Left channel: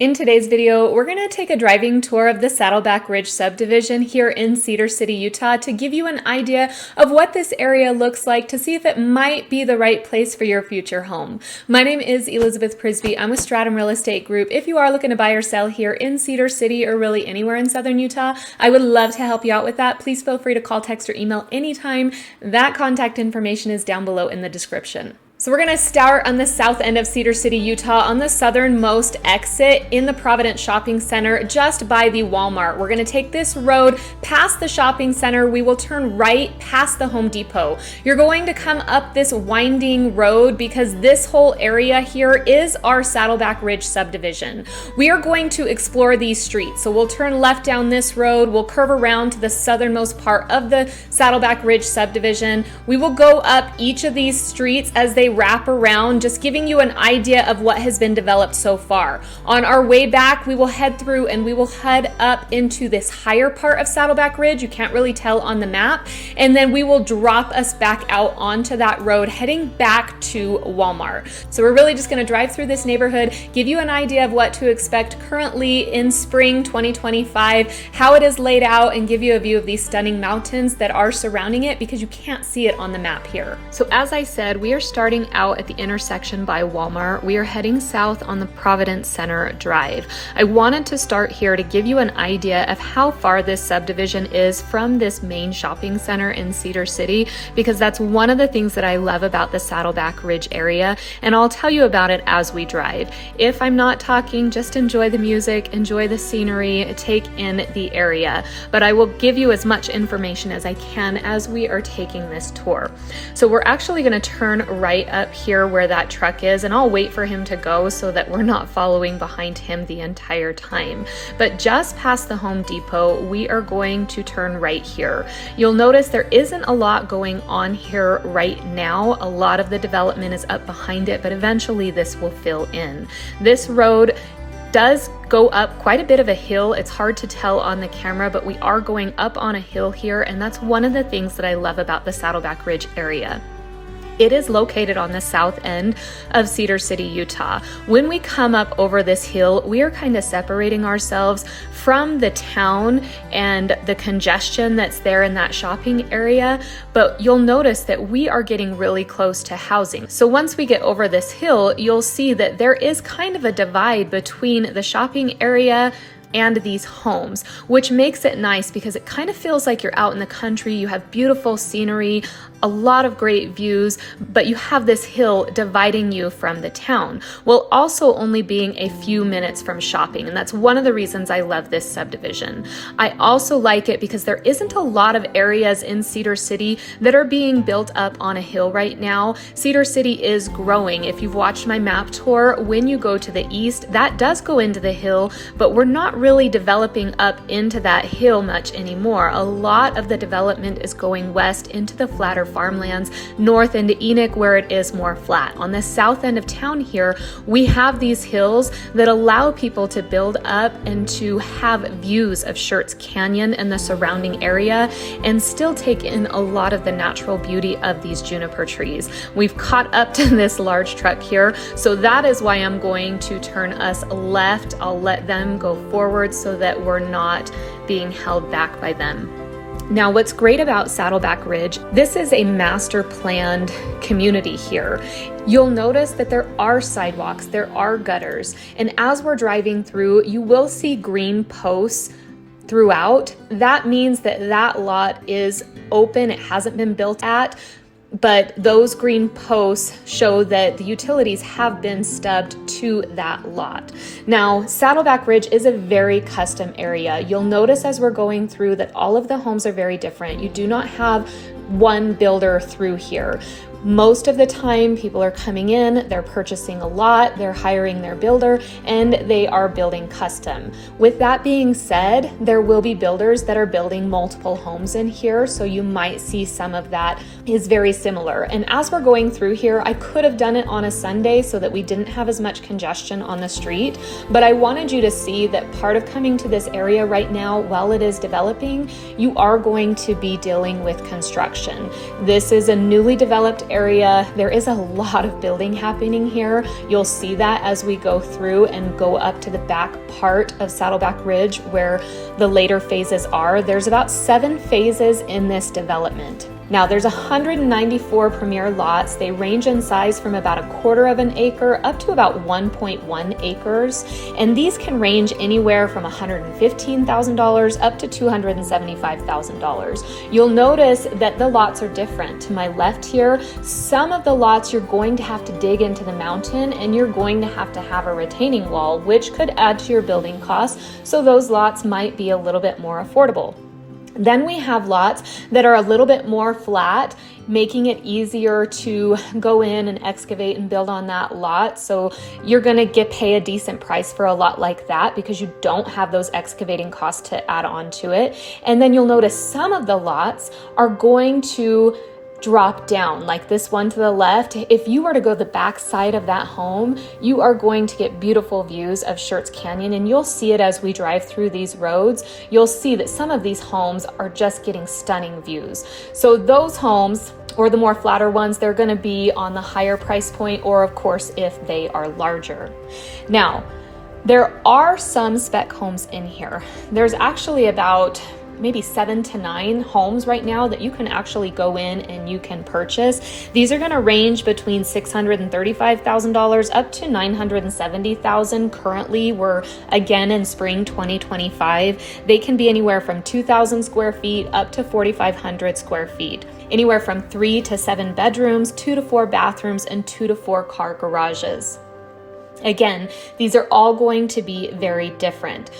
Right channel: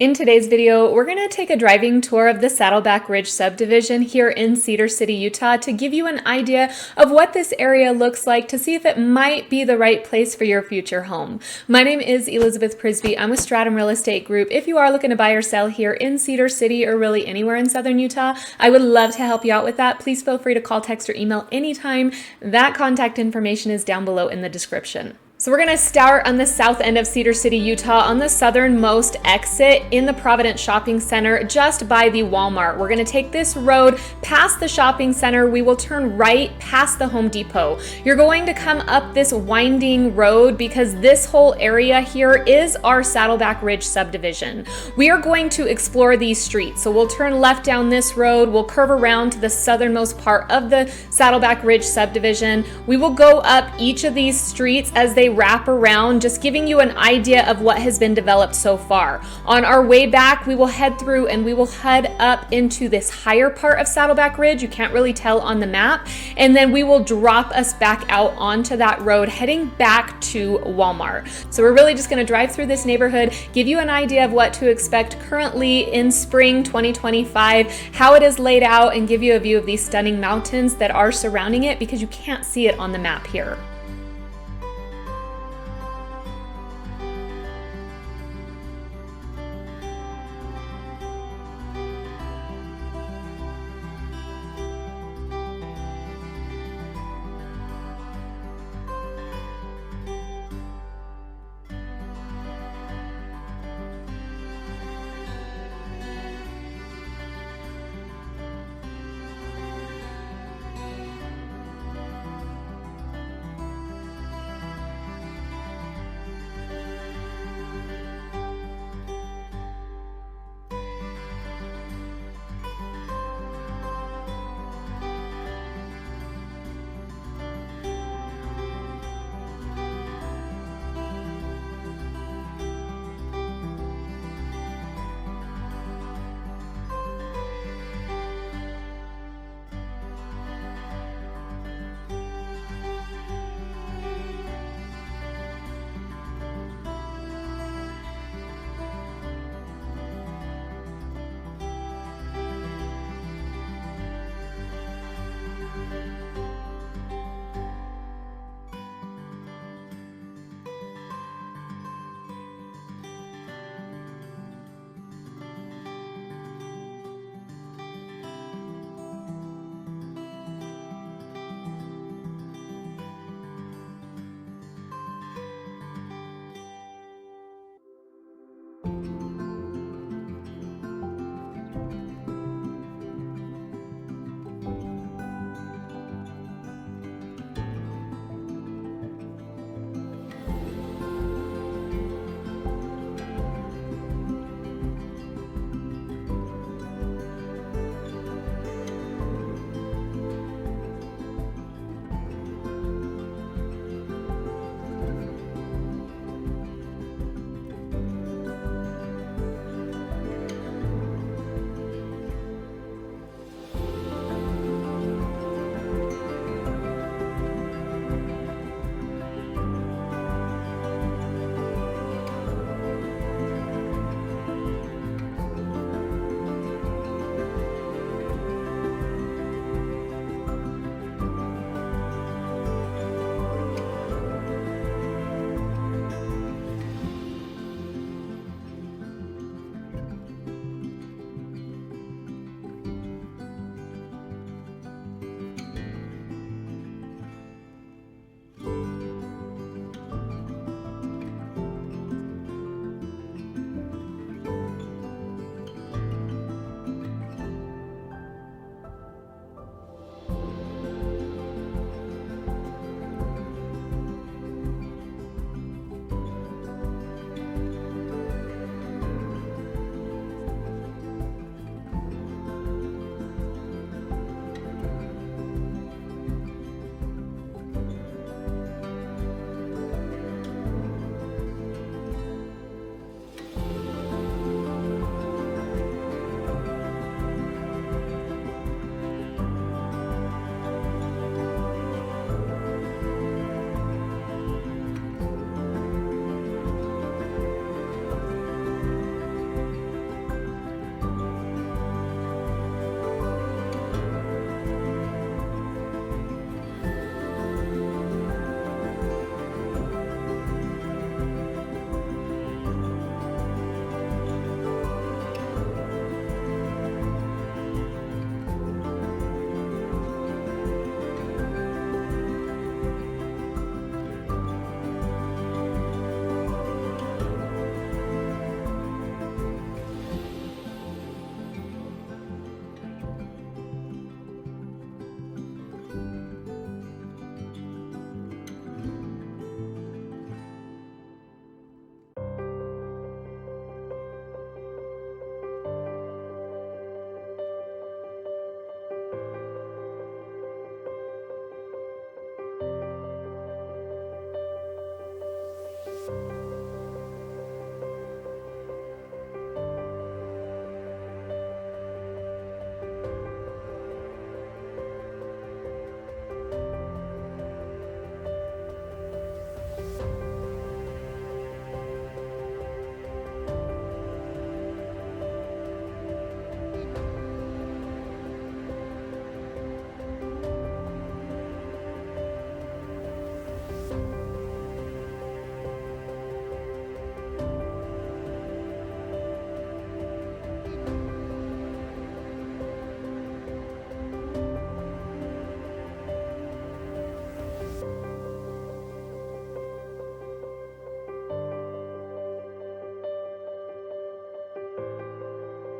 In today's video, we're going to take a driving tour of the Saddleback Ridge subdivision here in Cedar City, Utah, to give you an idea of what this area looks like, to see if it might be the right place for your future home. My name is Elizabeth Prisbrey. I'm with Stratum Real Estate Group. If you are looking to buy or sell here in Cedar City or really anywhere in southern Utah, I would love to help you out with that. Please feel free to call, text, or email anytime. That contact information is down below in the description. So we're going to start on the south end of Cedar City, Utah, on the southernmost exit in the Providence Shopping Center, just by the Walmart. We're going to take this road past the shopping center. We will turn right past the Home Depot. You're going to come up this winding road because this whole area here is our Saddleback Ridge subdivision. We are going to explore these streets. So we'll turn left down this road. We'll curve around to the southernmost part of the Saddleback Ridge subdivision. We will go up each of these streets as they wrap around, just giving you an idea of what has been developed so far. On our way back, we will head through and we will head up into this higher part of Saddleback Ridge. You can't really tell on the map. And then we will drop us back out onto that road, heading back to Walmart. So we're really just going to drive through this neighborhood, give you an idea of what to expect currently in spring 2025, how it is laid out, and give you a view of these stunning mountains that are surrounding it because you can't see it on the map here. So as I said, we are starting out at the intersection by Walmart. We are heading south on the Providence Center Drive. I wanted to start here to give you an idea of how far this subdivision is from this main shopping center in Cedar City, because that's one of the things that I love about the Saddleback Ridge area, and I'll tell you about it as we drive. If I'm not talking, just enjoy the music, enjoy the scenery, take in the area, but I will give you as much information as I can as we are taking this tour. So we're actually going to turn right up here where that truck is, and I'll wait for him to go so that we're not following behind him the entire time. But just past the Home Depot, we are going to turn right here. You'll notice there isn't a lot going on here right now. A lot of the development is up behind it, but eventually this will fill in. This road does go up quite a bit of a hill. It's hard to tell on the camera, but we are going up on a hill here, and that's one of the things that I love about the Saddleback Ridge area. It is located on the south end of Cedar City, Utah. When we come up over this hill, we are kind of separating ourselves from the town and the congestion that's there in that shopping area, but you'll notice that we are getting really close to housing. So once we get over this hill, you'll see that there is kind of a divide between the shopping area and these homes, which makes it nice because it kind of feels like you're out in the country. You have beautiful scenery, a lot of great views, but you have this hill dividing you from the town, while also only being a few minutes from shopping. And that's one of the reasons I love this subdivision. I also like it because there isn't a lot of areas in Cedar City that are being built up on a hill right now. Cedar City is growing. If you've watched my map tour, when you go to the east, that does go into the hill, but we're not really developing up into that hill much anymore. A lot of the development is going west into the flatter farmlands, north into Enoch, where it is more flat. On the south end of town here, we have these hills that allow people to build up and to have views of Schertz Canyon and the surrounding area, and still take in a lot of the natural beauty of these juniper trees. We've caught up to this large truck here, so that is why I'm going to turn us left. I'll let them go forward so that we're not being held back by them. Now, what's great about Saddleback Ridge, this is a master planned community here. You'll notice that there are sidewalks, there are gutters, and as we're driving through, you will see green posts throughout. That means that that lot is open, it hasn't been built at, but those green posts show that the utilities have been stubbed to that lot. Now, Saddleback Ridge is a very custom area. You'll notice as we're going through that all of the homes are very different. You do not have one builder through here. Most of the time, people are coming in, they're purchasing a lot, they're hiring their builder, and they are building custom. With that being said, there will be builders that are building multiple homes in here, so you might see some of that is very similar. And as we're going through here, I could have done it on a Sunday so that we didn't have as much congestion on the street, but I wanted you to see that part of coming to this area right now, while it is developing, you are going to be dealing with construction. This is a newly developed area, there is a lot of building happening here. You'll see that as we go through and go up to the back part of Saddleback Ridge where the later phases are. There's about 7 phases in this development. Now there's 194 premier lots. They range in size from about 1/4 of an acre up to about 1.1 acres. And these can range anywhere from $115,000 up to $275,000. You'll notice that the lots are different. To my left here, some of the lots you're going to have to dig into the mountain and you're going to have a retaining wall, which could add to your building costs. So those lots might be a little bit more affordable. Then we have lots that are a little bit more flat, making it easier to go in and excavate and build on that lot. So you're gonna pay a decent price for a lot like that because you don't have those excavating costs to add on to it. And then you'll notice some of the lots are going to drop down, like this one to the left. If you were to go the back side of that home, you are going to get beautiful views of Schertz Canyon, and you'll see it as we drive through these roads. You'll see that some of these homes are just getting stunning views. So those homes, or the more flatter ones, they're going to be on the higher price point, or of course if they are larger. Now, there are some spec homes in here. There's actually about maybe 7 to 9 homes right now that you can actually go in and you can purchase. These are going to range between $635,000 up to $970,000. Currently, we're again in spring 2025. They can be anywhere from 2,000 square feet up to 4,500 square feet. Anywhere from 3 to 7 bedrooms, 2 to 4 bathrooms, and 2 to 4 car garages. Again, these are all going to be very different.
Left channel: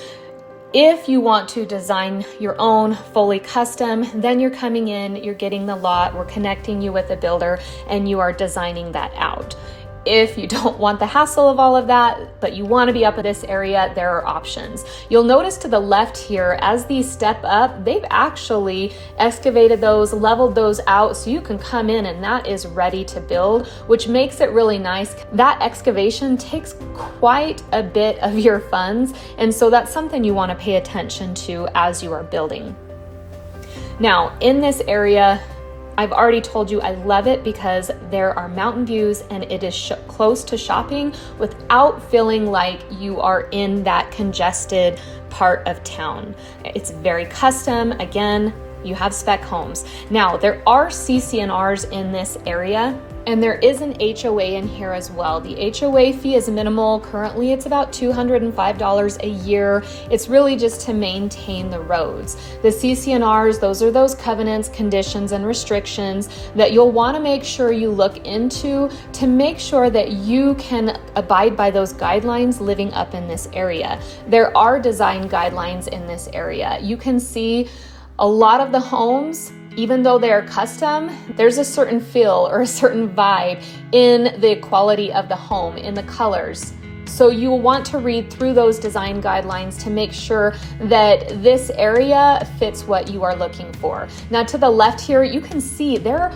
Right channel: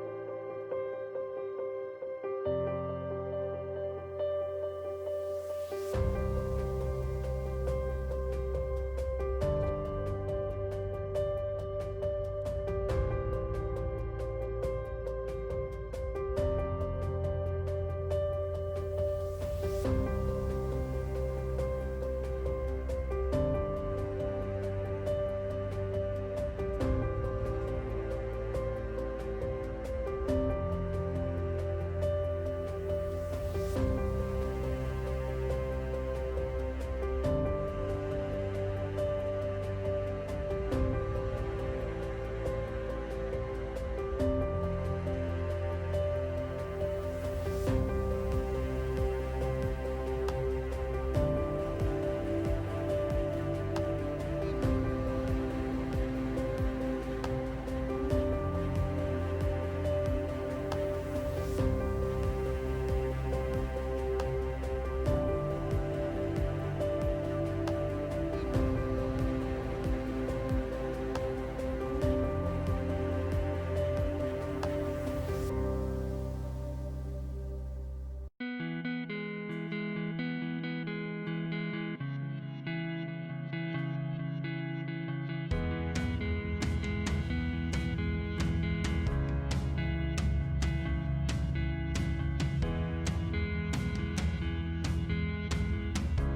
If you want to design your own fully custom, then you're coming in, you're getting the lot, we're connecting you with a builder, and you are designing that out. If you don't want the hassle of all of that, but you want to be up in this area, there are options. You'll notice to the left here, as these step up, they've actually excavated those, leveled those out, so you can come in and that is ready to build, which makes it really nice. That excavation takes quite a bit of your funds, and so that's something you want to pay attention to as you are building. Now, in this area, I've already told you I love it because there are mountain views and it is close to shopping without feeling like you are in that congested part of town. It's very custom. Again, you have spec homes. Now, there are CC&Rs in this area, and there is an HOA in here as well. The HOA fee is minimal. Currently, it's about $205 a year. It's really just to maintain the roads. The CC&Rs, those are those covenants, conditions, and restrictions that you'll want to make sure you look into to make sure that you can abide by those guidelines living up in this area. There are design guidelines in this area. You can see a lot of the homes, even though they are custom, there's a certain feel or a certain vibe in the quality of the home, in the colors. So you will want to read through those design guidelines to make sure that this area fits what you are looking for. Now to the left here, you can see they're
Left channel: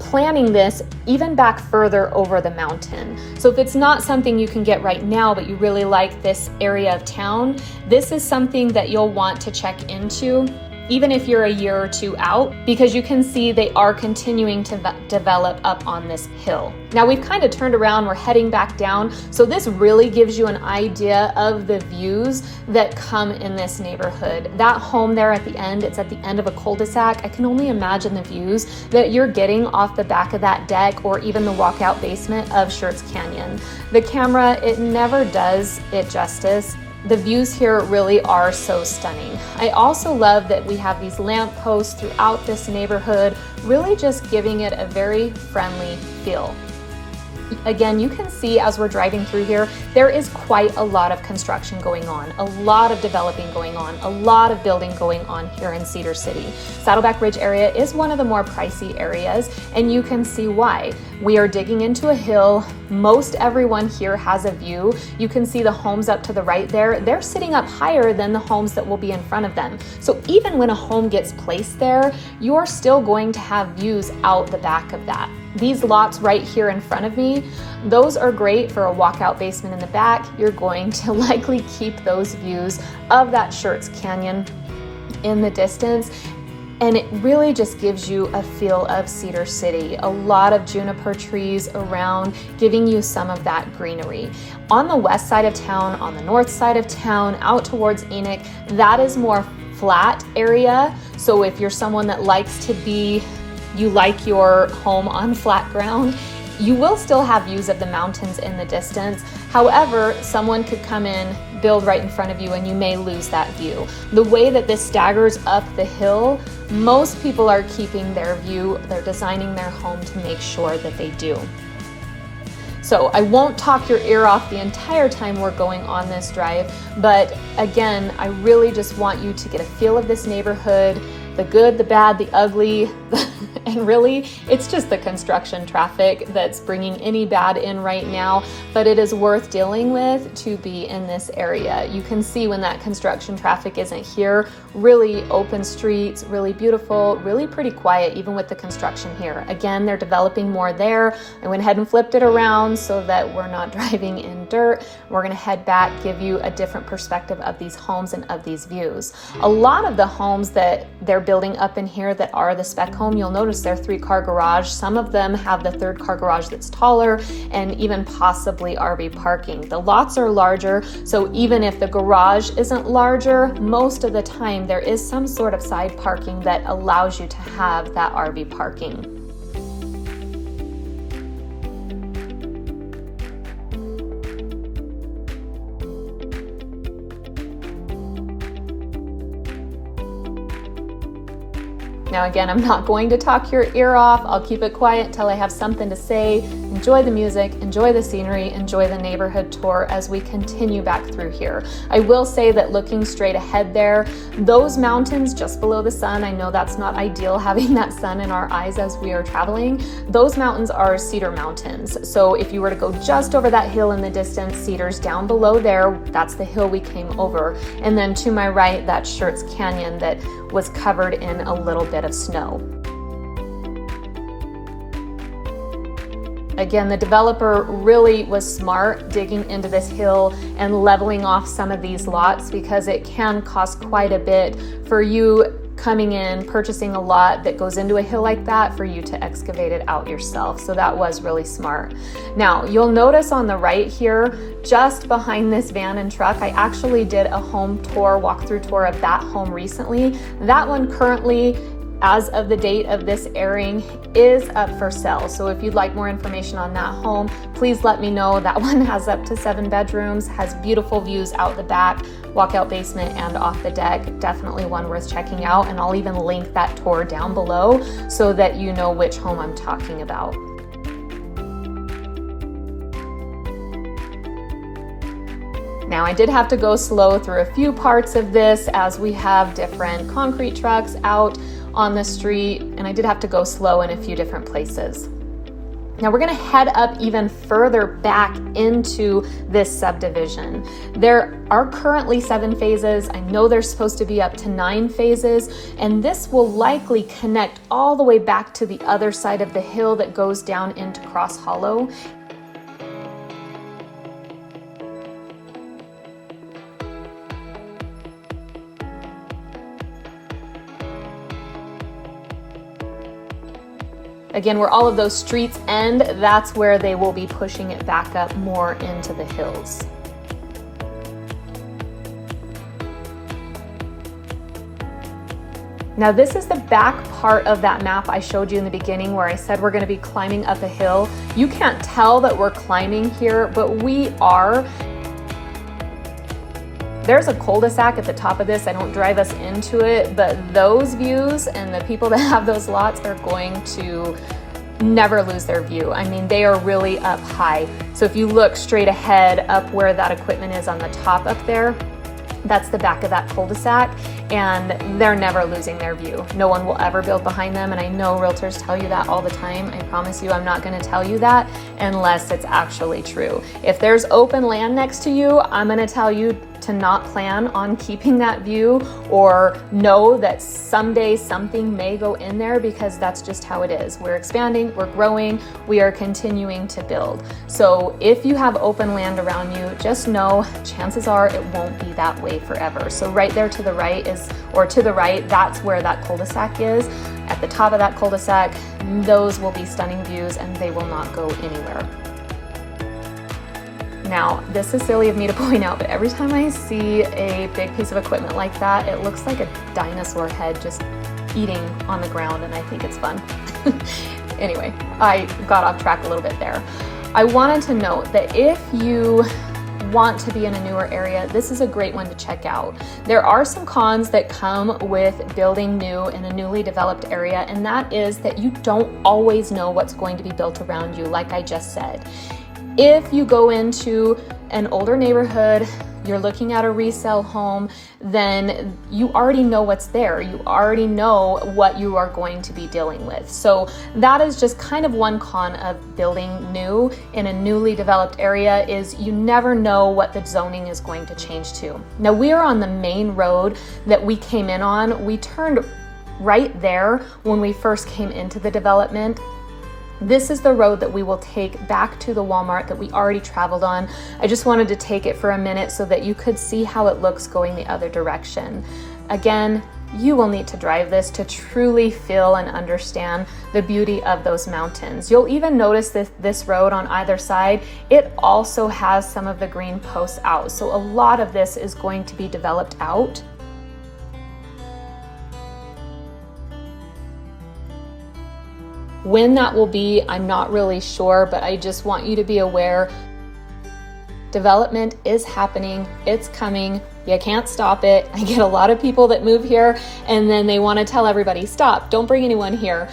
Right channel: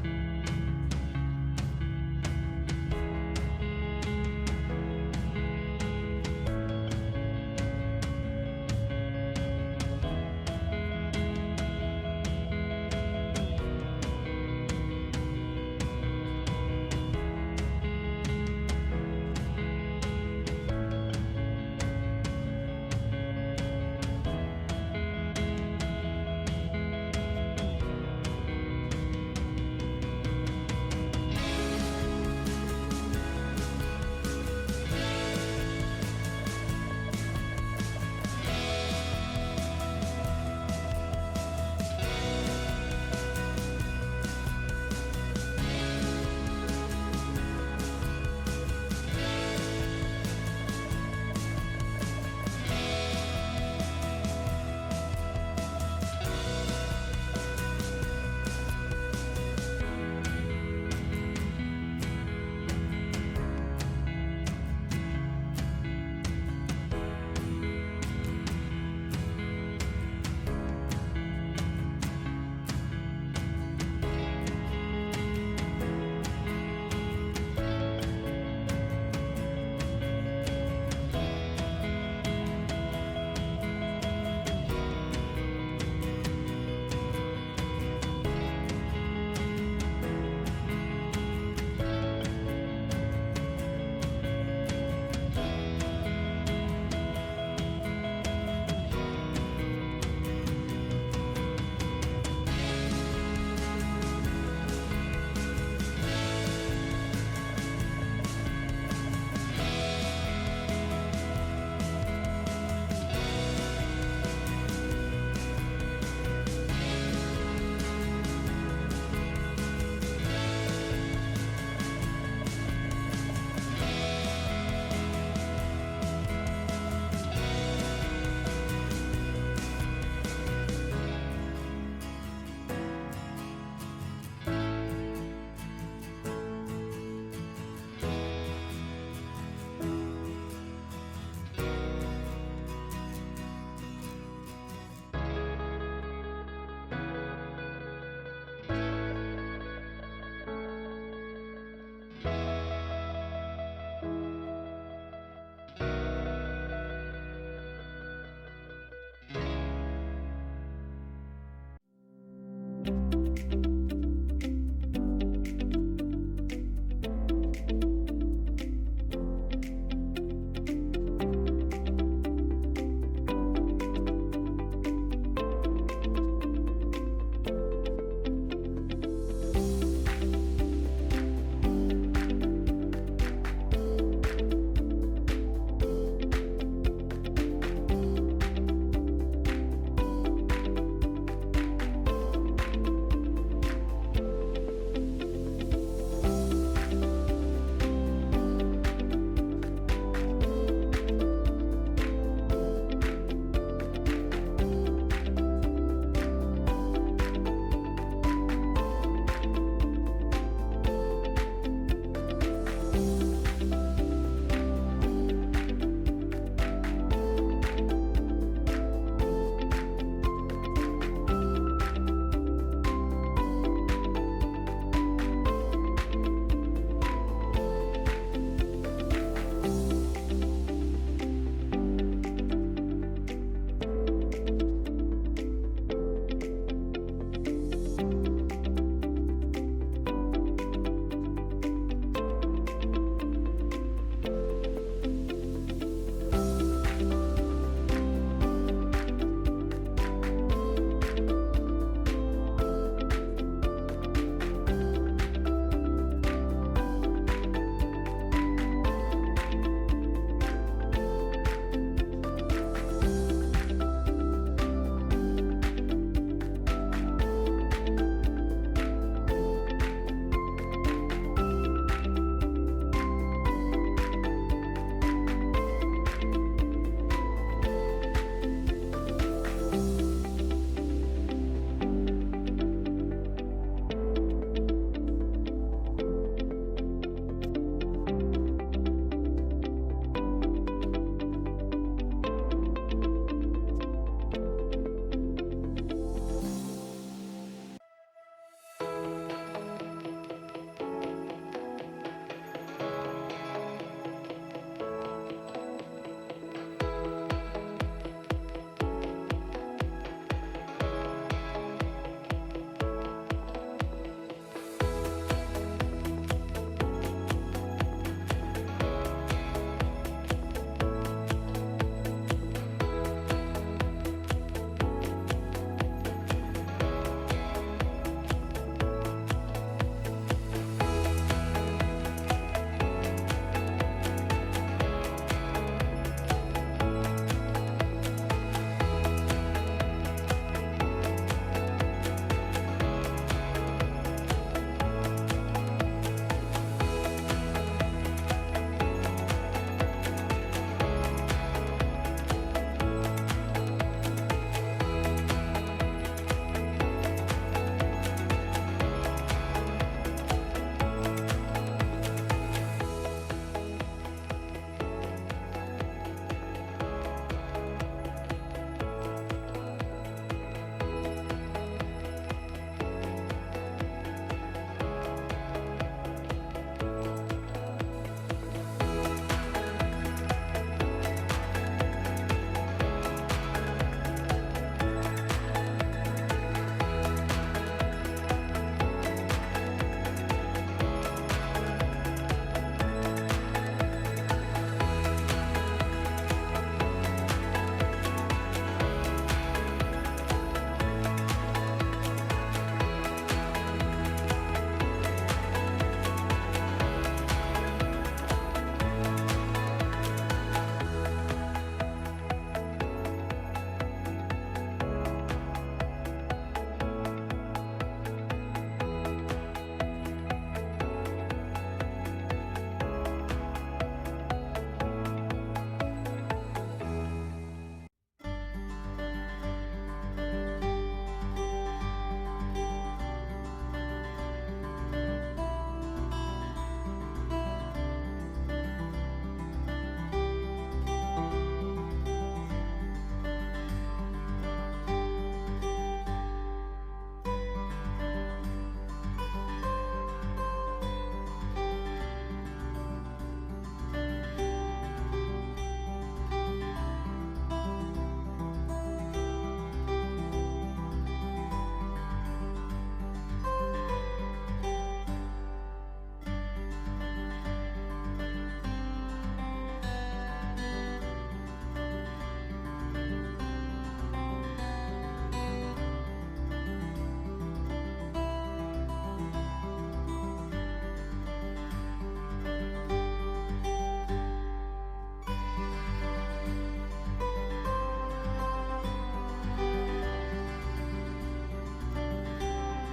planning this even back further over the mountain. So if it's not something you can get right now, but you really like this area of town, this is something that you'll want to check into even if you're a year or two out, because you can see they are continuing to develop up on this hill. Now we've kind of turned around, we're heading back down, so this really gives you an idea of the views that come in this neighborhood. That home there at the end, it's at the end of a cul-de-sac. I can only imagine the views that you're getting off the back of that deck or even the walkout basement of Schertz Canyon. The camera, it never does it justice. The views here really are so stunning. I also love that we have these lamp posts throughout this neighborhood, really just giving it a very friendly feel. Again, you can see as we're driving through here, there is quite a lot of construction going on, a lot of developing going on, a lot of building going on here in Cedar City. Saddleback Ridge area is one of the more pricey areas, and you can see why. We are digging into a hill. Most everyone here has a view. You can see the homes up to the right there. They're sitting up higher than the homes that will be in front of them. So even when a home gets placed there, you're still going to have views out the back of that. These lots right here in front of me, those are great for a walkout basement in the back. You're going to likely keep those views of that Schertz Canyon in the distance. and it really just gives you a feel of Cedar City. A lot of juniper trees around, giving you some of that greenery. On the west side of town, on the north side of town, out towards Enoch, that is more flat area. So if you're someone that likes to be, you like your home on flat ground, you will still have views of the mountains in the distance. However, someone could come in, build right in front of you, and you may lose that view. The way that this staggers up the hill, most people are keeping their view. They're designing their home to make sure that they do. So I won't talk your ear off the entire time we're going on this drive, but again, I really just want you to get a feel of this neighborhood, the good, the bad, the ugly, and really, it's just the construction traffic that's bringing any bad in right now, but it is worth dealing with to be in this area. You can see when that construction traffic isn't here, really open streets, really beautiful, really pretty quiet, even with the construction here. Again, they're developing more there. I went ahead and flipped it around so that we're not driving in dirt. We're gonna head back, give you a different perspective of these homes and of these views. A lot of the homes that they're building up in here that are the spec home, you'll notice they're 3-car garage. Some of them have the 3rd-car garage that's taller and even possibly RV parking. The lots are larger, so even if the garage isn't larger, most of the time there is some sort of side parking that allows you to have that RV parking. Now again, I'm not going to talk your ear off. I'll keep it quiet until I have something to say. Enjoy the music, enjoy the scenery, enjoy the neighborhood tour as we continue back through here. I will say that looking straight ahead there, those mountains just below the sun, I know that's not ideal having that sun in our eyes as we are traveling. Those mountains are Cedar Mountains. So if you were to go just over that hill in the distance, Cedar's down below there, that's the hill we came over. And then to my right, that's Schertz Canyon that was covered in a little bit of snow. Again, the developer really was smart digging into this hill and leveling off some of these lots because it can cost quite a bit for you coming in, purchasing a lot that goes into a hill like that for you to excavate it out yourself. So that was really smart. Now, you'll notice on the right here, just behind this van and truck, I actually did a home tour, walkthrough tour of that home recently. That one currently, as of the date of this airing, is up for sale. So if you'd like more information on that home, please let me know. That one has up to 7 bedrooms, has beautiful views out the back, walkout basement, and off the deck. Definitely one worth checking out, and I'll even link that tour down below so that you know which home I'm talking about. Now, I did have to go slow through a few parts of this as we have different concrete trucks out on the street, and I did have to go slow in a few different places. Now we're gonna head up even further back into this subdivision. There are currently 7 phases. I know there's supposed to be up to 9 phases, and this will likely connect all the way back to the other side of the hill that goes down into Cross Hollow. Again, where all of those streets end, that's where they will be pushing it back up more into the hills. Now this is the back part of that map I showed you in the beginning where I said we're going to be climbing up a hill. You can't tell that we're climbing here, but we are. There's a cul-de-sac at the top of this. I don't drive us into it, but those views and the people that have those lots are going to never lose their view. I mean, they are really up high. So if you look straight ahead up where that equipment is on the top up there, that's the back of that cul-de-sac, and they're never losing their view. No one will ever build behind them, and I know realtors tell you that all the time. I promise you I'm not going to tell you that unless it's actually true. If there's open land next to you, I'm going to tell you to not plan on keeping that view or know that someday something may go in there, because that's just how it is. We're expanding, we're growing, we are continuing to build. So if you have open land around you, just know chances are it won't be that way forever. So right there to the right that's where that cul-de-sac is. At the top of that cul-de-sac, those will be stunning views and they will not go anywhere. Now, this is silly of me to point out, but every time I see a big piece of equipment like that, it looks like a dinosaur head just eating on the ground, and I think it's fun. Anyway, I got off track a little bit there. I wanted to note that if you want to be in a newer area, this is a great one to check out. There are some cons that come with building new in a newly developed area, and that is that you don't always know what's going to be built around you, like I just said. If you go into an older neighborhood, you're looking at a resale home, then you already know what's there. You already know what you are going to be dealing with. So that is just kind of one con of building new in a newly developed area, is you never know what the zoning is going to change to. Now, we are on the main road that we came in on. We turned right there when we first came into the development. This is the road that we will take back to the Walmart that we already traveled on. I just wanted to take it for a minute so that you could see how it looks going the other direction. Again, you will need to drive this to truly feel and understand the beauty of those mountains. You'll even notice that this road on either side, it also has some of the green posts out. So a lot of this is going to be developed out. When that will be, I'm not really sure, but I just want you to be aware. Development is happening, it's coming, you can't stop it. I get a lot of people that move here and then they want to tell everybody, stop, don't bring anyone here,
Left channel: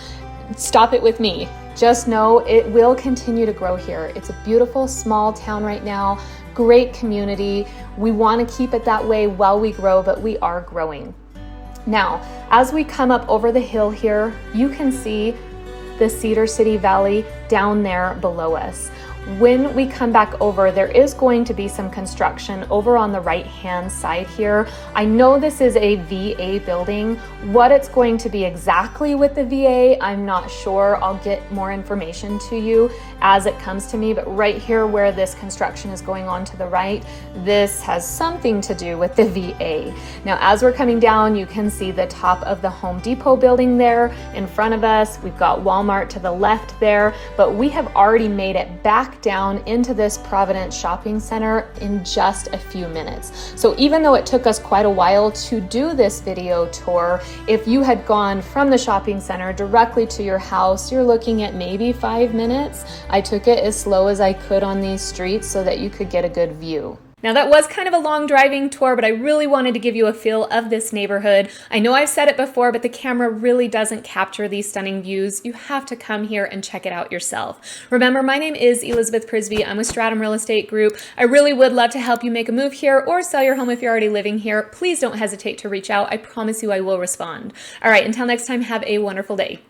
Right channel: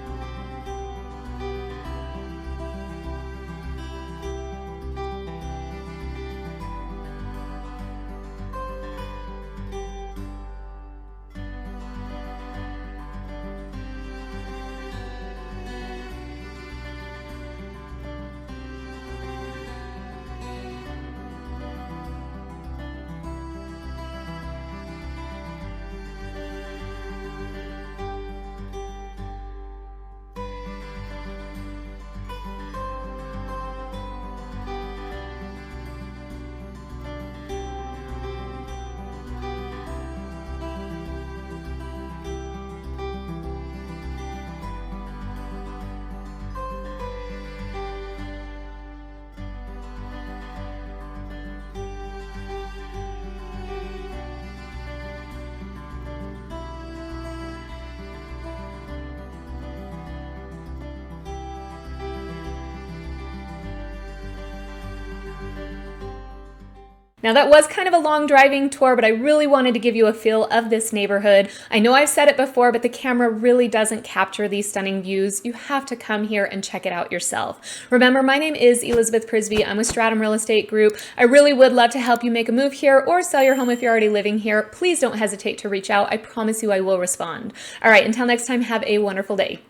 stop it with me. Just know it will continue to grow here. It's a beautiful small town right now, great community. We want to keep it that way while we grow, but we are growing. Now, as we come up over the hill here, you can see the Cedar City Valley down there below us. When we come back over, there is going to be some construction over on the right-hand side here. I know this is a VA building. What it's going to be exactly with the VA, I'm not sure. I'll get more information to you as it comes to me, but right here where this construction is going on to the right, this has something to do with the VA. Now, as we're coming down, you can see the top of the Home Depot building there in front of us. We've got Walmart to the left there, but we have already made it back down into this Providence shopping center in just a few minutes. So even though it took us quite a while to do this video tour, if you had gone from the shopping center directly to your house, you're looking at maybe 5 minutes. I took it as slow as I could on these streets so that you could get a good view. Now, that was kind of a long driving tour, but I really wanted to give you a feel of this neighborhood. I know I've said it before, but the camera really doesn't capture these stunning views. You have to come here and check it out yourself. Remember, my name is Elizabeth Prisbrey. I'm with Stratum Real Estate Group. I really would love to help you make a move here or sell your home if you're already living here. Please don't hesitate to reach out. I promise you I will respond. All right, until next time, have a wonderful day.